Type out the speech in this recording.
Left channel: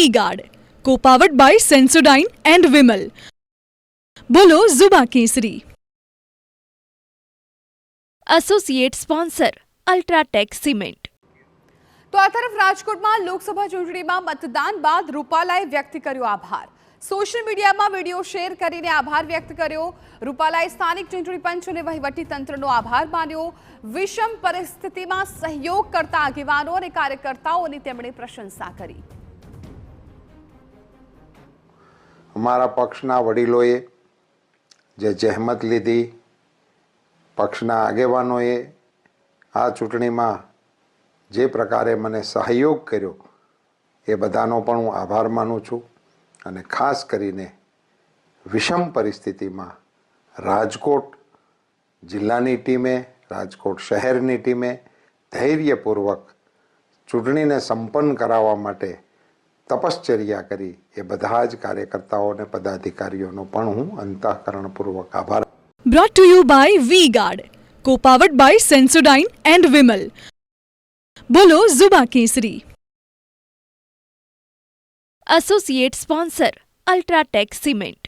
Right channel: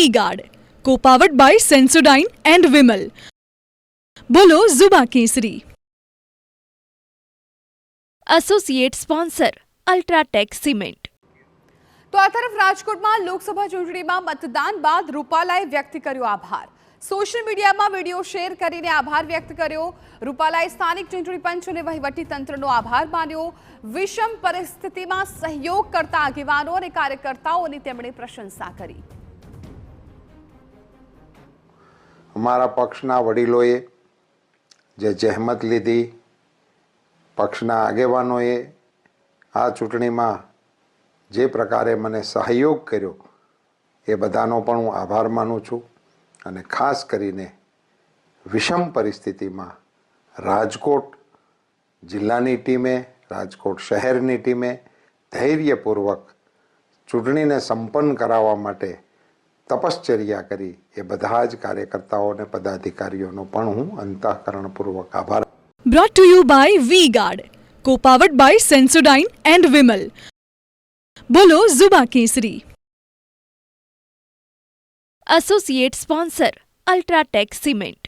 vegan, powered by Sensodyne and Women. Brand Double Keysing. Associate sponsor UltraTech cement. તો આ તરફ રાજકોટમાં લોકસભા ચૂંટણીમાં મતદાન બાદ રૂપાલાએ વ્યક્ત કર્યો આભાર. સોશિયલ મીડિયામાં વિડીયો શેર કરીને આભાર વ્યક્ત કર્યો. રૂપાલાએ સ્થાનિક ચૂંટણી પંચ અને વહીવટીતંત્રનો આભાર માન્યો. વિષમ પરિસ્થિતિમાં સહયોગ કરતા આગેવાનો અને કાર્યકર્તાઓની તેમણે પ્રશંસા કરી. અમારા પક્ષના વડીલોએ જે જહેમત લીધી, પક્ષના આગેવાનોએ આ ચૂંટણીમાં જે પ્રકારે મને સહયોગ કર્યો એ બધાનો પણ હું આભાર માનું છું. અને ખાસ કરીને વિષમ પરિસ્થિતિમાં રાજકોટ જિલ્લાની ટીમે, રાજકોટ શહેરની ટીમે ધૈર્યપૂર્વક ચૂંટણીને સંપન્ન કરાવવા માટે તપશ્ચર્યા કરી એ બધા જ કાર્યકર્તાઓ અને પદાધિકારીઓનો પણ હું અંતઃકરણપૂર્વક આભાર. Powered by Sensodyne and Women. Brand Double Keysing. Associate sponsor UltraTech cement.